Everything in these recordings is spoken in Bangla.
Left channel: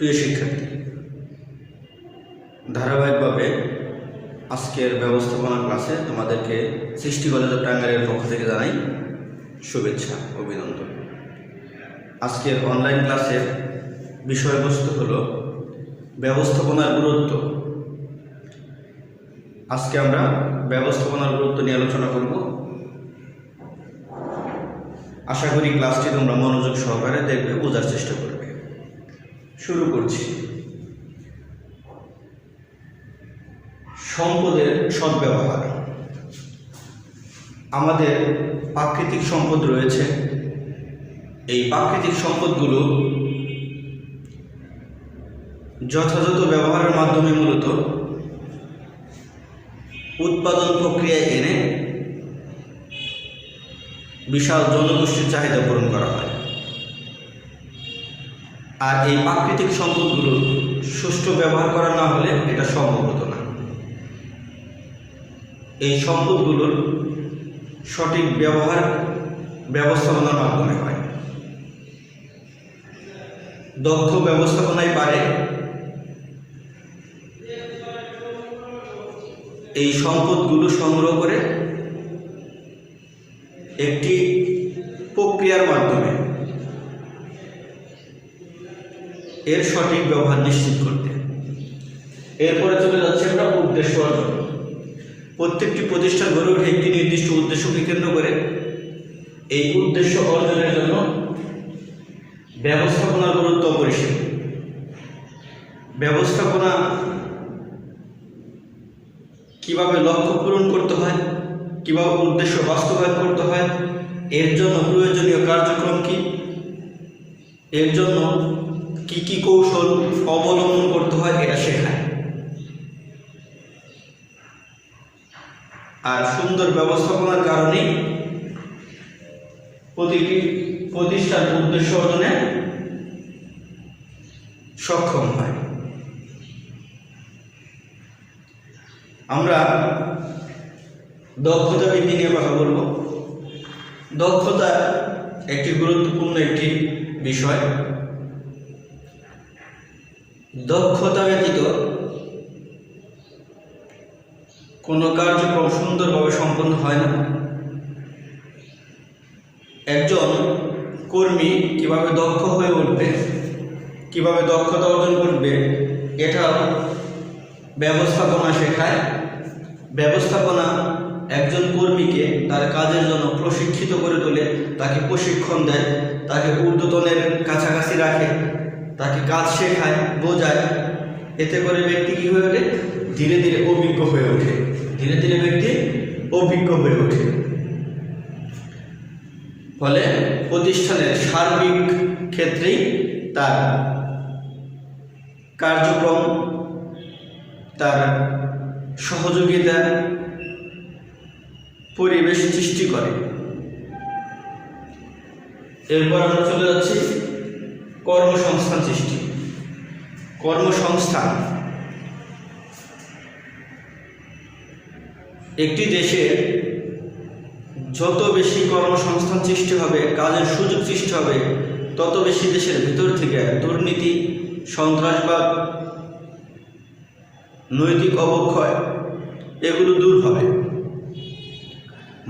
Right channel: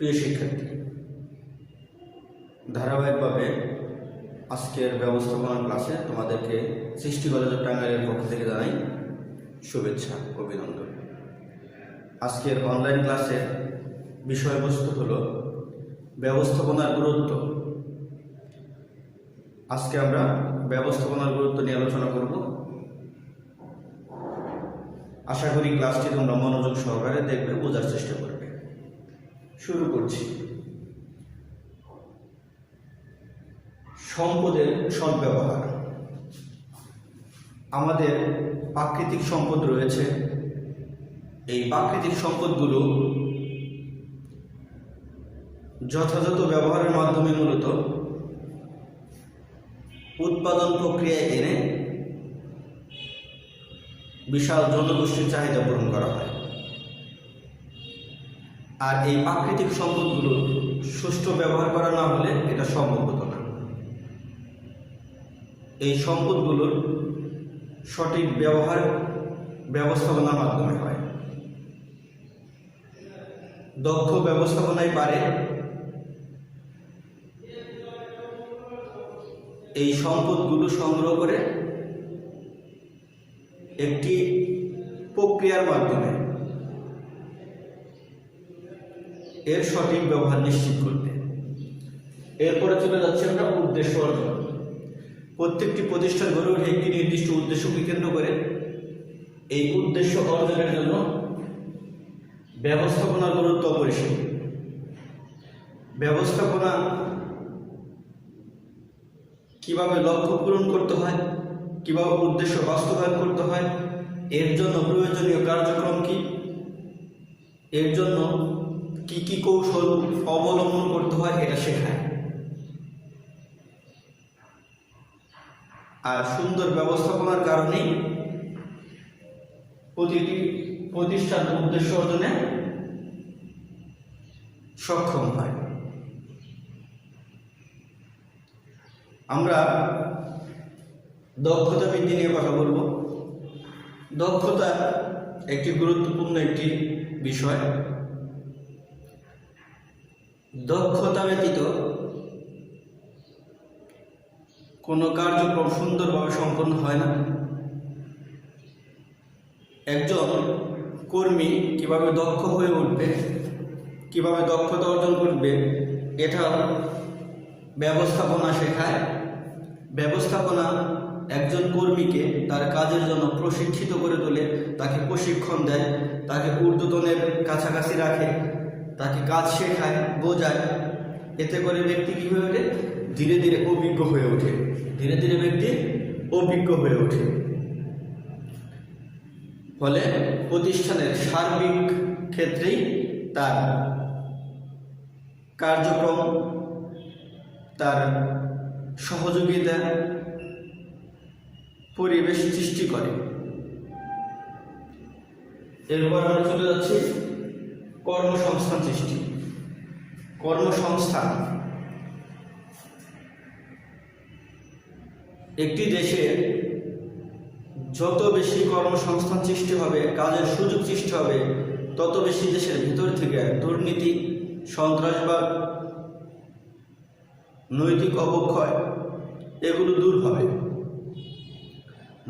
প্রিয় শিক্ষার্থী, ধারাবাহিকভাবে আজকের ব্যবস্থাপনা ক্লাসে তোমাদেরকে সৃষ্টি কলেজ টাঙ্গাইলের পক্ষ থেকে জানাই শুভেচ্ছা, অভিনন্দন। আজকের অনলাইন ক্লাসের বিষয়বস্তু হলো ব্যবস্থাপনার গুরুত্ব। আজকে আমরা ব্যবস্থাপনার গুরুত্ব নিয়ে আলোচনা করব। আশা করি ক্লাসটি তোমরা মনোযোগ সহকারে দেখবে, বোঝার চেষ্টা করবে। শুরু করছি। সম্পদের সদ্ব্যবহার। আমাদের প্রাকৃতিক সম্পদ রয়েছে। এই প্রাকৃতিক সম্পদগুলো যথাযথ ব্যবহারের মাধ্যমে মূলত উৎপাদন প্রক্রিয়ায় এনে বিশাল জনগোষ্ঠীর চাহিদা পূরণ করা হয়। আর এই প্রাকৃতিক সম্পদগুলোর সুষ্ঠু ব্যবহার করা না হলে এটা সম্ভব হতো না। এই সম্পদগুলোর সঠিক ব্যবহার ব্যবস্থাপনার মাধ্যমে হয়। দক্ষ ব্যবস্থাপনায় পারে এই সম্পদগুলো সংগ্রহ করে একটি প্রক্রিয়ার মাধ্যমে এর সঠিক ব্যবহার নিশ্চিত করতে। এরপরে চলে যাচ্ছে আমরা উদ্দেশ্য অর্জন। প্রত্যেকটি প্রতিষ্ঠান গড়ে ওঠে একটি নির্দিষ্ট উদ্দেশ্যকে কেন্দ্র করে। এই উদ্দেশ্য অর্জনের জন্য ব্যবস্থাপনার গুরুত্ব অপরিসীম। ব্যবস্থাপনা কিভাবে লক্ষ্য পূরণ করতে হয়, কিভাবে উদ্দেশ্য বাস্তবায়ন করতে হয়, এর জন্য প্রয়োজনীয় কার্যক্রম কি, এর জন্য কি কি কৌশল অবলম্বন করতে হয়, এটা শেখায়। আর সুন্দর ব্যবস্থাপনার কারণে প্রতিটি প্রতিষ্ঠান উদ্দেশ্য অর্জনে সক্ষম হয়। আমরা দক্ষতা বৃদ্ধি নিয়ে কথা বলবো। দক্ষতা একটি গুরুত্বপূর্ণ একটি বিষয়। দক্ষতা ব্যতীত কোনো কার্যক্রম সুন্দরভাবে সম্পন্ন হয় না। একজন কর্মী কিভাবে দক্ষ হয়ে উঠবে, কিভাবে দক্ষতা অর্জন করবে, এটা ব্যবস্থাপনা শেখায়। ব্যবস্থাপনা একজন কর্মীকে তার কাজের জন্য প্রশিক্ষিত করে তোলে, তাকে প্রশিক্ষণ দেয়, তাকে ঊর্ধ্বতনের কাছাকাছি রাখে, তাকে কাজ শেখায়, বোঝায়। এতে করে ব্যক্তি কী হয়ে ওঠে? ধীরে ধীরে অভিজ্ঞ হয়ে ওঠে। ধীরে ধীরে ব্যক্তি অভিজ্ঞ হয়ে ওঠে। ফলে প্রতিষ্ঠানের সার্বিক ক্ষেত্রেই তার কার্যক্রম, তার সহযোগিতা, পরিবেশ সৃষ্টি করে। এরপর আমরা চলে যাচ্ছি কর্মসংস্থান সৃষ্টি। কর্মসংস্থান একটি দেশে যত বেশি কর্মসংস্থান সৃষ্টি হবে, কাজের সুযোগ সৃষ্টি হবে, তত বেশি দেশের ভিতর থেকে দুর্নীতি, সন্ত্রাসবাদ, নৈতিক অবক্ষয় এগুলো দূর হবে।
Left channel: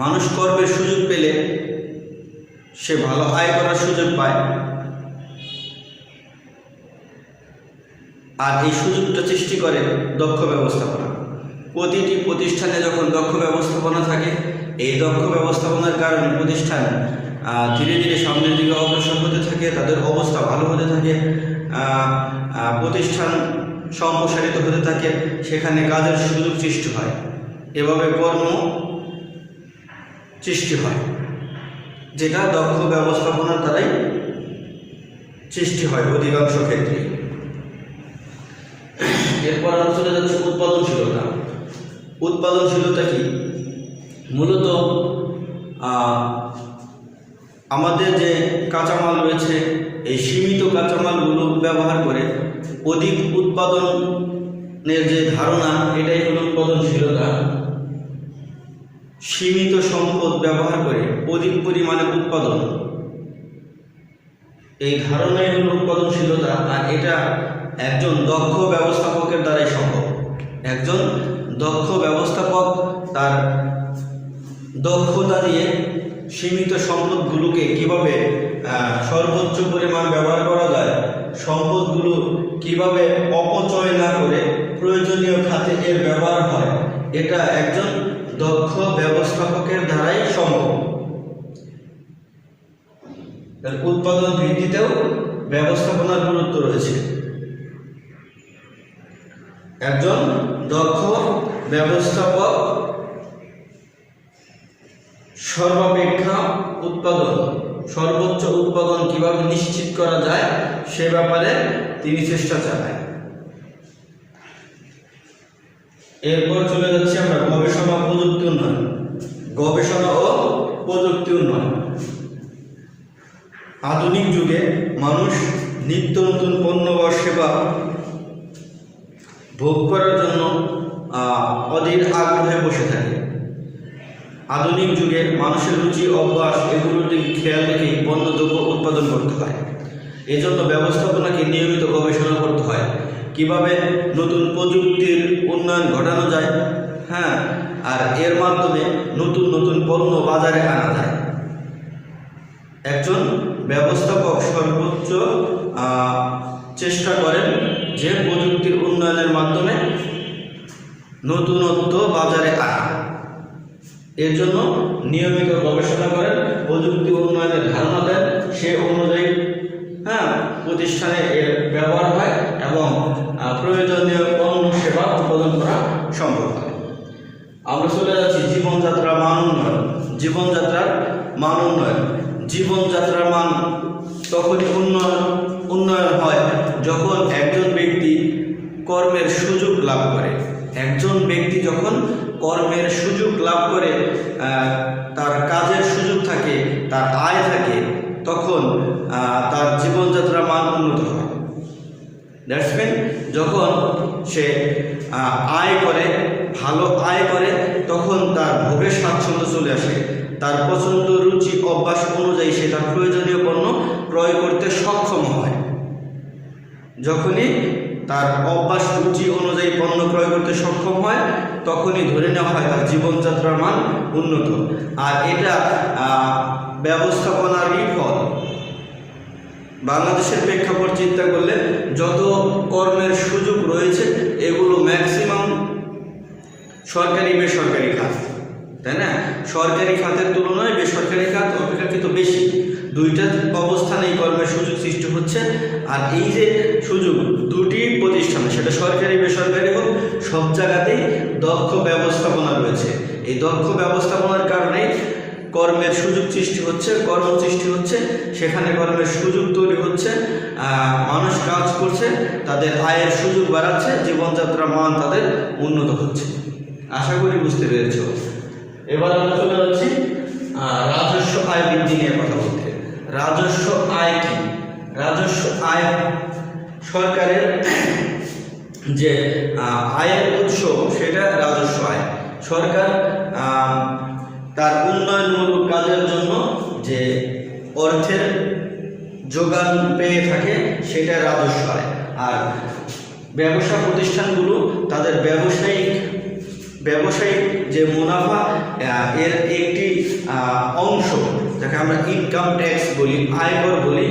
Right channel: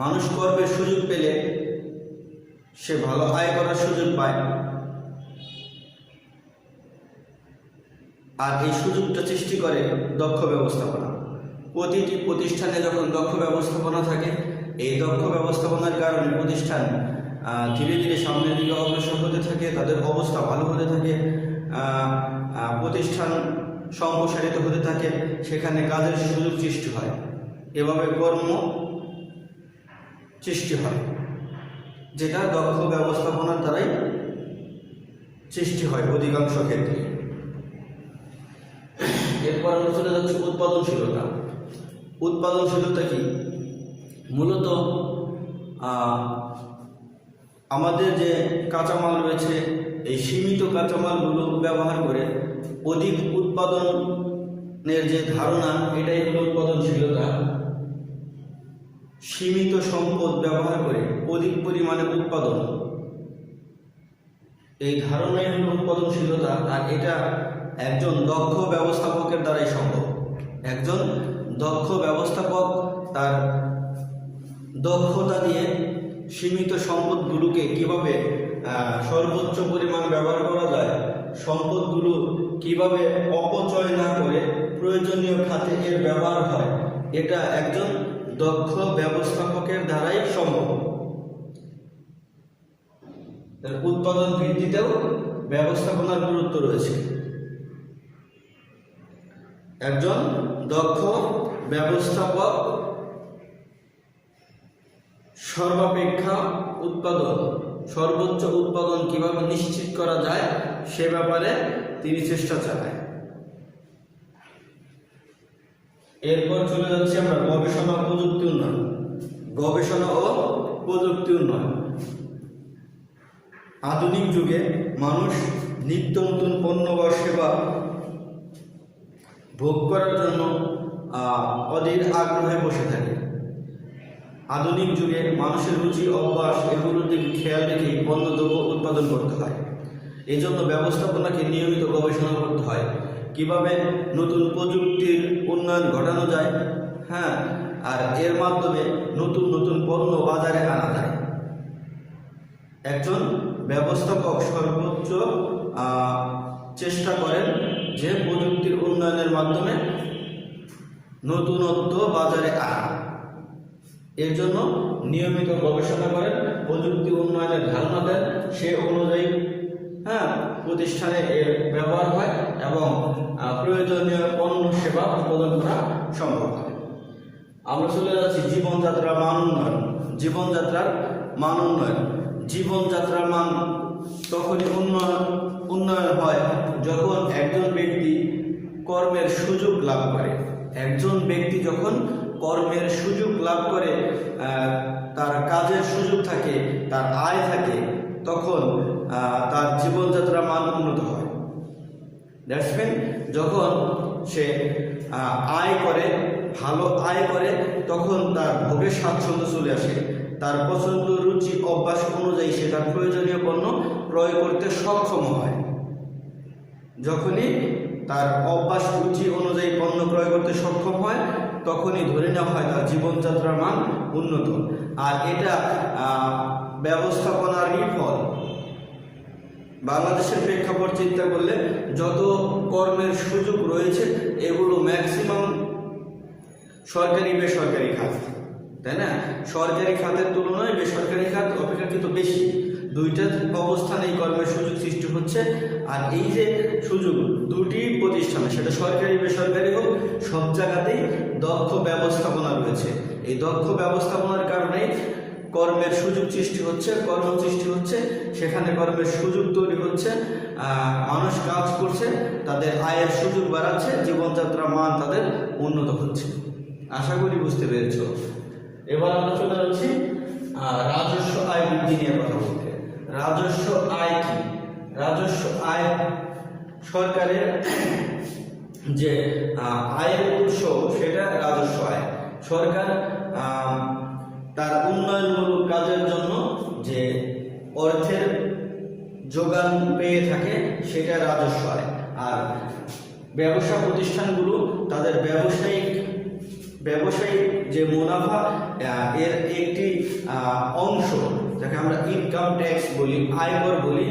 মানুষ কর্মের সুযোগ পেলে সে ভালো আয় করার সুযোগ পায়। আর এই সুযোগটা সৃষ্টি করে দক্ষ ব্যবস্থাপনা। প্রতিটি প্রতিষ্ঠানে যখন দক্ষ ব্যবস্থাপনা থাকে, এই দক্ষ ব্যবস্থাপনার কারণে প্রতিষ্ঠান ধীরে ধীরে সামনের দিকে অগ্রসর হতে থাকে, তাদের অবস্থা ভালো হতে থাকে, প্রতিষ্ঠান সম্প্রসারিত হতে থাকে, সেখানে কাজের সুযোগ সৃষ্টি হয়। এভাবে কর্ম সৃষ্টি হয়, যেটা দক্ষ ব্যবস্থাপনার দ্বারাই সৃষ্টি হয় অধিকাংশ ক্ষেত্রে। এরপর আমরা চলে যাচ্ছি উৎপাদনশীলতা। উৎপাদনশীলতা কি? মূলত আমাদের যে কাঁচামাল রয়েছে, এই সীমিত কাঁচামালগুলো ব্যবহার করে অধিক উৎপাদনের যে ধারণা, এটাই হলো উৎপাদনশীলতা। সীমিত সম্পদ ব্যবহার করে অধিক পরিমাণে উৎপাদন, এই ধারণাই হলো উৎপাদনশীলতা। আর এটা একজন দক্ষ ব্যবস্থাপকের দ্বারাই সম্ভব। একজন দক্ষ ব্যবস্থাপক তার দক্ষতা দিয়ে সীমিত সম্পদগুলোকে কিভাবে সর্বোচ্চ পরিমাণ ব্যবহার করা যায়, সম্পদগুলো কিভাবে অপচয় না করে প্রয়োজনীয় খাতে এর ব্যবহার হয়, এটা একজন দক্ষ ব্যবস্থাপকের দ্বারাই সম্ভব। উৎপাদন বৃদ্ধিতেও ব্যবস্থাপনার গুরুত্ব রয়েছে। একজন দক্ষ ব্যবস্থাপক সর্বাপেক্ষা সর্বোচ্চ উৎপাদন কিভাবে নিশ্চিত করা যায় সে ব্যাপারে তিনি চেষ্টা চালায়। এরপর চলে যাচ্ছে আমরা গবেষণা প্রযুক্তি উন্নয়ন। গবেষণা ও প্রযুক্তি উন্নয়ন। আধুনিক যুগে মানুষ নিত্য নতুন পণ্য বা সেবা ভোগ করার জন্য অধীর আগ্রহে বসে থাকে। আধুনিক যুগে মানুষের রুচি অভ্যাস এগুলোর দিকে খেয়াল রেখেই পণ্য দ্রব্য উৎপাদন করতে হয়। এই জন্য ব্যবস্থাপনাকে নিয়মিত গবেষণা করতে হয়, কিভাবে নতুন প্রযুক্তির উন্নয়ন ঘটানো যায়, আর এর মাধ্যমে নতুন নতুন পণ্য বাজারে আনা যায়। একজন ব্যবস্থাপক সর্বোচ্চ চেষ্টা করেন যে প্রযুক্তির উন্নয়নের মাধ্যমে নতুনত্ব বাজারে আনা। এর জন্য নিয়মিত গবেষণা করেন, প্রযুক্তি উন্নয়নের ধারণা দেন, সে অনুযায়ী প্রতিষ্ঠানে এর ব্যবহার হয় এবং প্রয়োজনীয় পণ্য সেবা উৎপাদন করা সম্ভব হয়। আমরা চলে যাচ্ছি জীবনযাত্রার মান উন্নয়ন। জীবনযাত্রার মান উন্নয়ন। জীবনযাত্রার মান তখনই উন্নয়ন হয় যখন একজন ব্যক্তি কর্মের সুযোগ লাভ করে। একজন ব্যক্তি যখন কর্মের সুযোগ লাভ করে, তার কাজের সুযোগ থাকে, তার আয় থাকে, তখন তার জীবনযাত্রার মান উন্নত হয়। দ্যাটস মিন যখন সে আয় করে, ভালো আয় করে, তখন তার ভোগের স্বাচ্ছন্দ্য চলে আসে। তার পছন্দ রুচি অভ্যাস অনুযায়ী সে তার প্রয়োজনীয় পণ্য ক্রয় করতে সক্ষম হয়। যখনই তার অভ্যাস রুচি অনুযায়ী পণ্য ক্রয় করতে সক্ষম হয়, তখনই ধরে নেওয়া হয় তার জীবনযাত্রার মান উন্নত। আর এটা ব্যবস্থাপনারই ফল। বাংলাদেশের প্রেক্ষাপট চিন্তা করলে যত কর্মের সুযোগ রয়েছে এগুলো ম্যাক্সিমাম সরকারি বেসরকারি খাত, তাই না? সরকারি খাতের তুলনায় বেসরকারি খাত অপেক্ষাকৃত বেশি। দুইটা অবস্থানেই কর্মের সুযোগ সৃষ্টি হচ্ছে। আর এই যে সুযোগ দুটি প্রতিষ্ঠান, সেটা সরকারি বেসরকারি হোক, সব জায়গাতেই দক্ষ ব্যবস্থাপনা রয়েছে। এই দক্ষ ব্যবস্থাপনার কারণে কর্মের সুযোগ সৃষ্টি হচ্ছে, কর্ম সৃষ্টি হচ্ছে, সেখানে কর্মের সুযোগ তৈরি হচ্ছে, মানুষ কাজ করছে, তাদের আয়ের সুযোগ বাড়াচ্ছে, জীবনযাত্রার মান তাদের উন্নত হচ্ছে। আশা করি বুঝতে পেরেছ। এবার আমরা চলে যাচ্ছি রাজস্ব আয় বৃদ্ধি নিয়ে কথা বলতে। রাজস্ব আয় কি? রাজস্ব আয় সরকারের যে আয়ের উৎস, সেটা রাজস্ব আয়। সরকার তার উন্নয়নমূলক কাজের জন্য যে অর্থের যোগান পেয়ে থাকে সেটা রাজস্ব আয়। আর ব্যবসা প্রতিষ্ঠানগুলো তাদের ব্যবসায়িক যে মুনাফা, এর একটি অংশ, যাকে আমরা ইনকাম ট্যাক্স বলি, আয়কর বলি,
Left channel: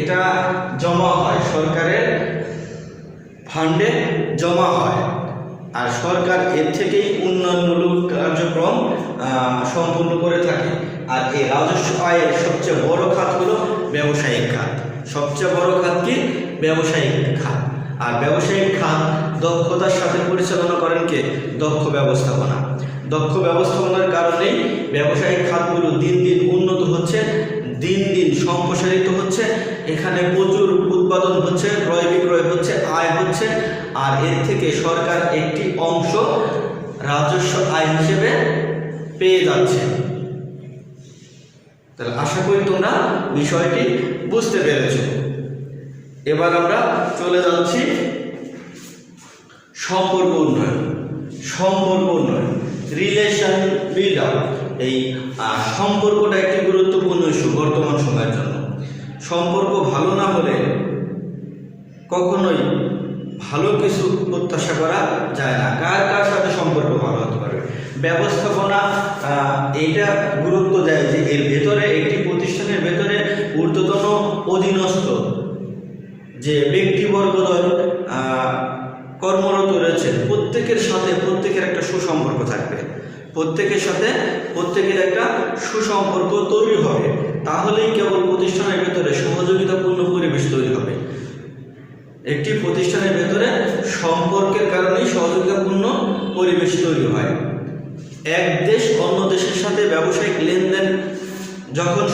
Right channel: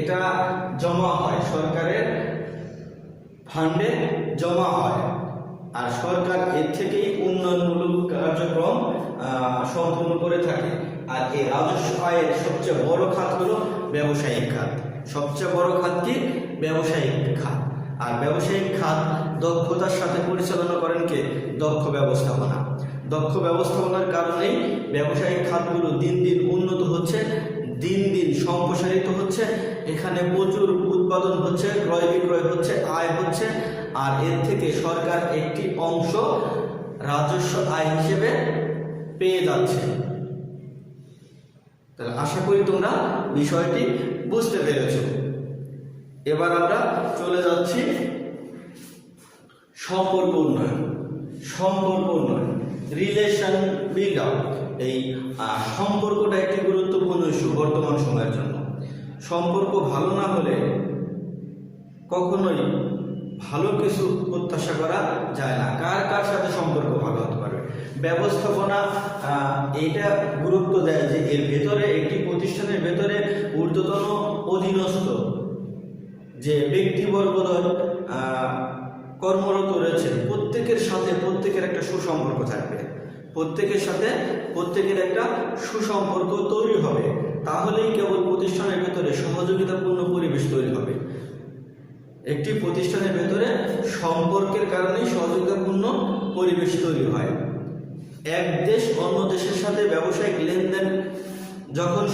এটা জমা হয় সরকারের ফান্ডে জমা হয়। আর সরকার এর থেকেই উন্নয়নমূলক কার্যক্রম সম্পূর্ণ করে থাকে। আর এই রাজস্ব আয়ের সবচেয়ে বড় খাত হলো ব্যবসায়িক খাত। সবচেয়ে বড় খাত কি? ব্যবসায়িক খাত। আর ব্যবসায়িক খাত দক্ষতার সাথে পরিচালনা করেন কে? দক্ষ ব্যবস্থাপনা। দক্ষ ব্যবস্থাপনার কারণেই ব্যবসায়িক খাতগুলো দিন দিন উন্নত হচ্ছে, দিন দিন সম্প্রসারিত হচ্ছে। এখানে প্রচুর উৎপাদন হচ্ছে, ক্রয় বিক্রয় হচ্ছে, আয় হচ্ছে। আর এর থেকে সরকার একটি অংশ রাজস্ব আয় হিসেবে পেয়ে যাচ্ছে। তাহলে আশা করি তোমরা বিষয়টি বুঝতে পেরেছ। এবার আমরা চলে যাচ্ছি সম্পর্ক উন্নয়ন। সম্পর্ক উন্নয়ন, রিলেশন বিল্ড আপ। এই সম্পর্কটা একটি গুরুত্বপূর্ণ ইস্যু বর্তমান সময়ের জন্য। সম্পর্ক ভালো না হলে কখনোই ভালো কিছু প্রত্যাশা করা যায় না। কার কার সাথে সম্পর্ক ভালো হতে পারবে? ব্যবস্থাপনা এইটা গুরুত্ব দেয় যে এর ভেতরে একটি প্রতিষ্ঠানের ভেতরে ঊর্ধ্বতন অধীনস্থ যে ব্যক্তিবর্গদ্বয় কর্মরত রয়েছে প্রত্যেকের সাথে প্রত্যেকের একটা সুসম্পর্ক থাকবে, প্রত্যেকের সাথে প্রত্যেকের একটা সুসম্পর্ক তৈরি হবে, তাহলেই কেবল প্রতিষ্ঠানের ভেতরে সহযোগিতাপূর্ণ পরিবেশ তৈরি হবে। একটি প্রতিষ্ঠানের ভেতরে সম্পর্কের কারণেই সহযোগিতাপূর্ণ পরিবেশ তৈরি হয়। এক দেশ অন্য দেশের সাথে ব্যবসায়িক লেনদেন যখন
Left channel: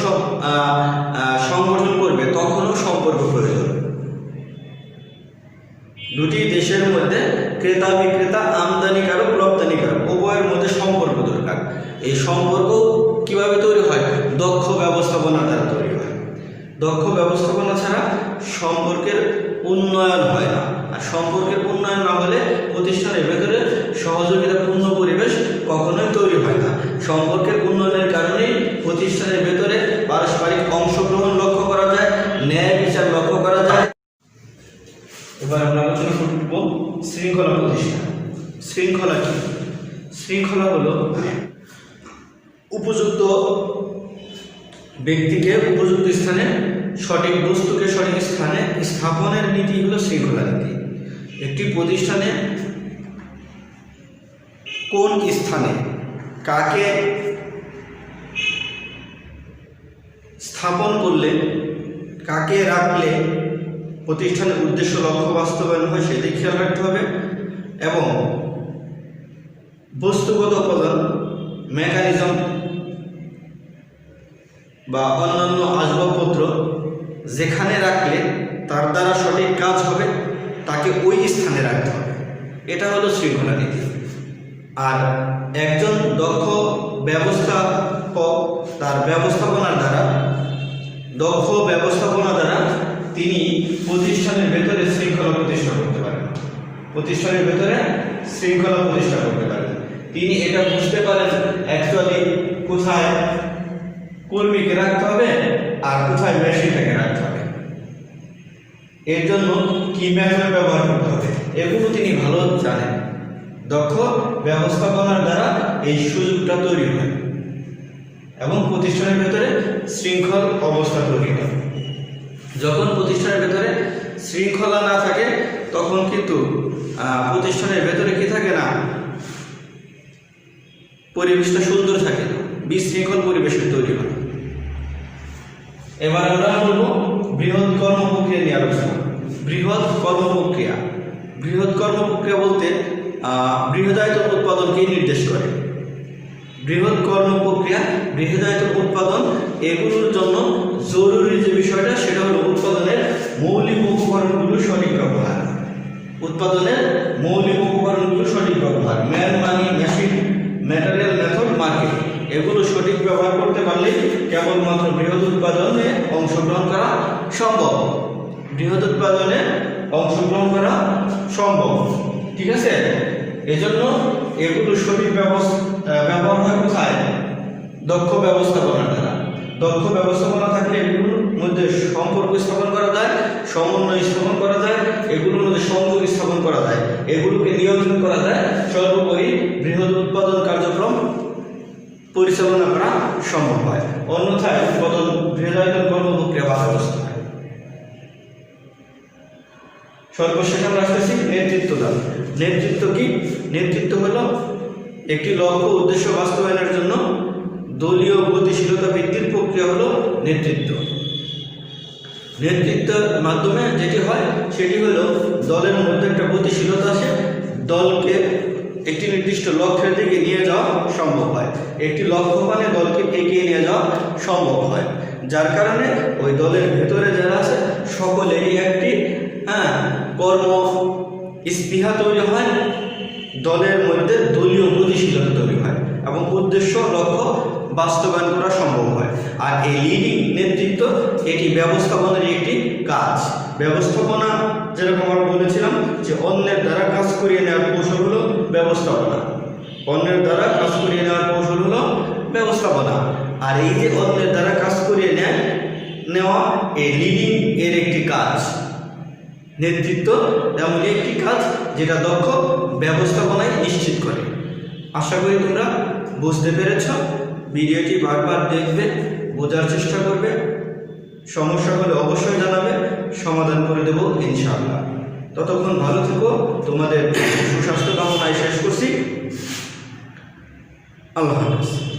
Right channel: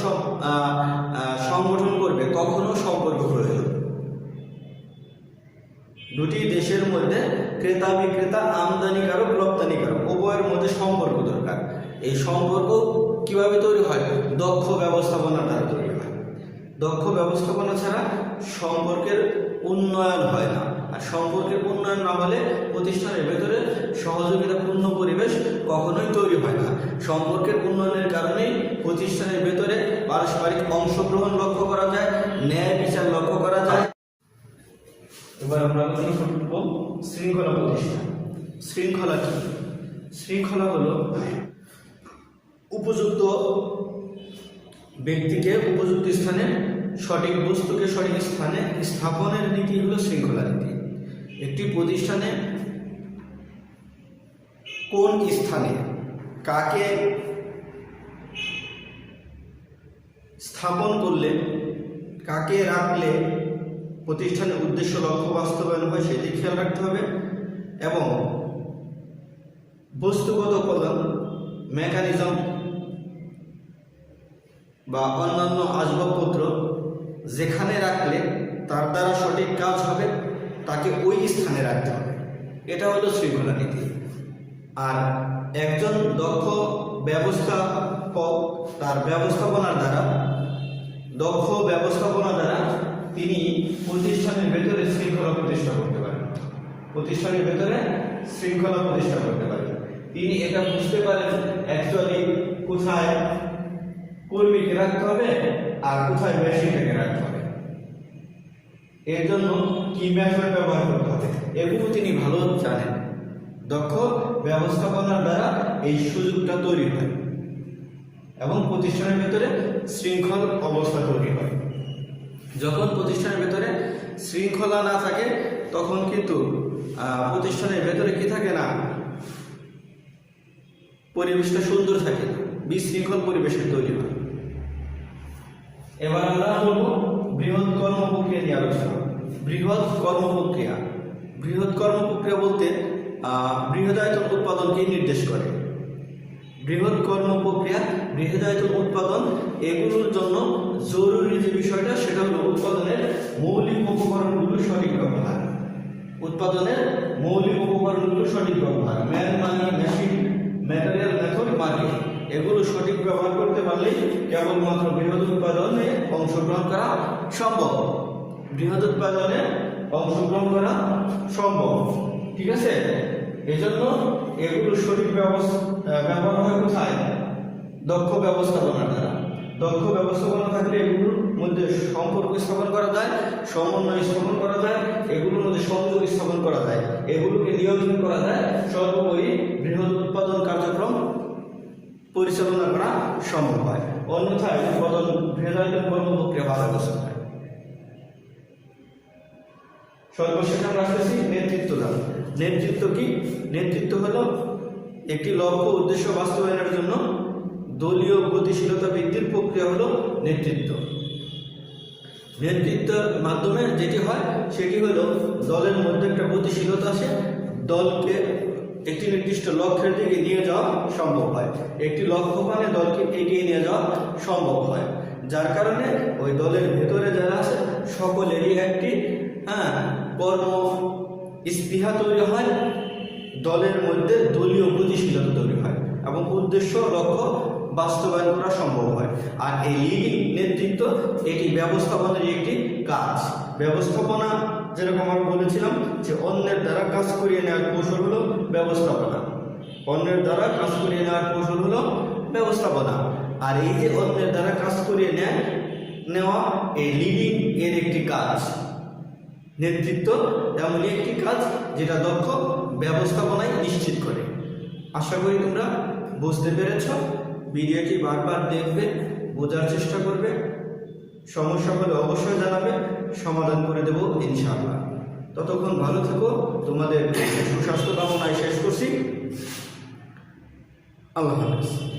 সংগঠন করবে তখনও সম্পর্ক প্রয়োজন। দুটি দেশের মধ্যে ক্রেতা বিক্রেতা, আমদানিকারক রপ্তানিকারক উভয়ের মধ্যে সম্পর্ক দরকার। এই সম্পর্ক কিভাবে তৈরি হয়? দক্ষ ব্যবস্থাপনা দ্বারা তৈরি হয়। দক্ষ ব্যবস্থাপনা ছাড়া সম্পর্কের উন্নয়ন হয় না, আর সম্পর্কের উন্নয়ন না হলে প্রতিষ্ঠানের ভেতরে সহযোগিতাপূর্ণ পরিবেশ কখনোই তৈরি হয় না। সম্পর্কের উন্নয়নের কারণেই প্রতিষ্ঠানের ভেতরে পারস্পরিক অংশগ্রহণ লক্ষ্য করা যায়, ন্যায় বিচার লক্ষ্য করা যায়। এবার আমরা আলোচনা করব শৃঙ্খলা প্রতিষ্ঠা। শৃঙ্খলা কি? শৃঙ্খলা হলো উপযুক্ত ব্যক্তিকে উপযুক্ত স্থানে, সঠিক বস্তুকে সঠিক স্থানে স্থাপনের নীতি হলো শৃঙ্খলা নীতি। একটি প্রতিষ্ঠানে কোন স্থানে কাকে স্থাপন করলে, কাকে রাখলে প্রতিষ্ঠানের উদ্দেশ্য লক্ষ্য বাস্তবায়ন হয় সেটি খেয়াল রাখতে হবে। এবং বস্তুগত উপাদান, মেকানিজম বা অন্যান্য আসবাবপত্র যেখানে রাখলে তার দ্বারা সঠিক কাজ হবে তাকে ওই স্থানে রাখতে হবে। এটা হলো শৃঙ্খলা নীতি। আর একজন দক্ষ ব্যবস্থাপক তার ব্যবস্থাপনার দ্বারা, দক্ষ ব্যবস্থাপনা দ্বারা তিনি প্রতিষ্ঠানের ভেতরে শৃঙ্খলা প্রতিষ্ঠা করতে পারেন। প্রতিষ্ঠানের ভেতরে শৃঙ্খলা প্রতিষ্ঠা করতে পারেন। তিনি এটা বুঝতে পারেন অ্যাকচুয়ালি কোথায় কর্মীকে রাখতে হবে আর কোথায় মেশিনটাকে রাখতে হবে, এর জন্য কি মেথড ব্যবহার করতে হবে, এগুলো তিনি ভালো জানেন। দক্ষ ব্যবস্থাপনার দ্বারা এই সুযোগটা তৈরি হয় এবং প্রতিষ্ঠানের ভেতরে শৃঙ্খল অবস্থা তৈরি হয়। যখন প্রতিষ্ঠানের ভেতরে শৃঙ্খলা না থাকে তখন কিন্তু প্রতিষ্ঠানের ভেতরে কি থাকে না, পরিবেশটা সুন্দর থাকে না, বিশৃঙ্খল পরিবেশের তৈরি হয়। এবার আমরা বলবো বৃহৎ কর্মপ্রক্রিয়া নিয়ে আলোচনা। বৃহৎ কর্মপ্রক্রিয়া, বৃহৎ কর্মপ্রক্রিয়া বলতে বৃহদায়তন উৎপাদনকে নির্দেশ করে। বৃহৎ কর্মপ্রক্রিয়া, বৃহদায়তন উৎপাদন, এগুলোর জন্য জরুরি যে বিষয়টা সেটা হলো উৎপাদনের মৌলিক উপকরণগুলো সঠিক ব্যবহার। উৎপাদনের মৌলিক উপকরণগুলো সঠিক ব্যবহার, ম্যান, মানি, মেশিন, ম্যাটেরিয়াল, মেথড, মার্কেট, এগুলো সঠিক ব্যবহার করতে পারলে কেবলমাত্র বৃহৎ উৎপাদনে অংশগ্রহণ করা সম্ভব। বৃহৎ উৎপাদনে অংশগ্রহণ করা সম্ভব, ঠিক আছে? এজন্য এগুলো সঠিক ব্যবহার হয় কোথায়? দক্ষ ব্যবস্থাপনার দ্বারা। দক্ষ ব্যবস্থাপনা থাকলে এগুলোর মধ্যে সম্পর্ক স্থাপন করা যায়, সমন্বয় স্থাপন করা যায়, এগুলোর মধ্যে সংযোগ স্থাপন করা যায়, এগুলোকে নিয়ন্ত্রণ করা যায়, সর্বোপরি বৃহৎ উৎপাদন কার্যক্রম পরিচালনা করা সম্ভব হয়। অন্যথায় উৎপাদন বৃহদায়তন কর্মপ্রক্রিয়া বাধাগ্রস্ত হয়। সর্বশেষ আমরা আসতেছি নেতৃত্ব দান। নেতৃত্ব কি? নেতৃত্ব হলো একটি লক্ষ্য উদ্দেশ্য বাস্তবায়নের জন্য দলীয় গতিশীলতা বৃদ্ধির প্রক্রিয়া হলো নেতৃত্ব। নেতৃত্বের মাধ্যমে যেটি হয় সেটি হলো দলের মধ্যে একটা গতিশীলতা আসে, দলকে একটি নির্দিষ্ট লক্ষ্যের দিকে নিয়ে যাওয়া সম্ভব হয়, একটি লক্ষ্য মানে দলকে এগিয়ে নিয়ে যাওয়া সম্ভব হয়, যার কারণে ওই দলের ভেতরে যারা আছে সকলেরই একটি কর্ম স্পৃহা তৈরি হয়, দলের মধ্যে দলীয় গতিশীলতা তৈরি হয় এবং উদ্দেশ্য লক্ষ্য বাস্তবায়ন করা সম্ভব হয়। আর এই লিডিং নেতৃত্ব এটি ব্যবস্থাপনার একটি কাজ। ব্যবস্থাপনা যেরকম আমরা বলেছিলাম যে অন্যের দ্বারা কাজ করিয়ে নেওয়ার কৌশল হলো ব্যবস্থাপনা, অন্যের দ্বারা কাজ করিয়ে নেওয়ার কৌশল হলো ব্যবস্থাপনা। আর এই যে অন্যের দ্বারা কাজ করিয়ে নেওয়া এই লিডিং এর একটি কাজ। নেতৃত্ব এমনই একটি কাজ যেটা দক্ষ ব্যবস্থাপনায় নিশ্চিত করে। আশা করি তোমরা বুঝতে পেরেছ। ভিডিওটি বারবার দেখবে, বোঝার চেষ্টা করবে, সমস্যা হলে অবশ্যই জানাবে, সমাধান করে দেবো ইনশাআল্লাহ। ততক্ষণ ভালো থেকো, তোমাদের সুস্বাস্থ্য কামনায় শেষ করছি। আল্লাহ হাফেজ।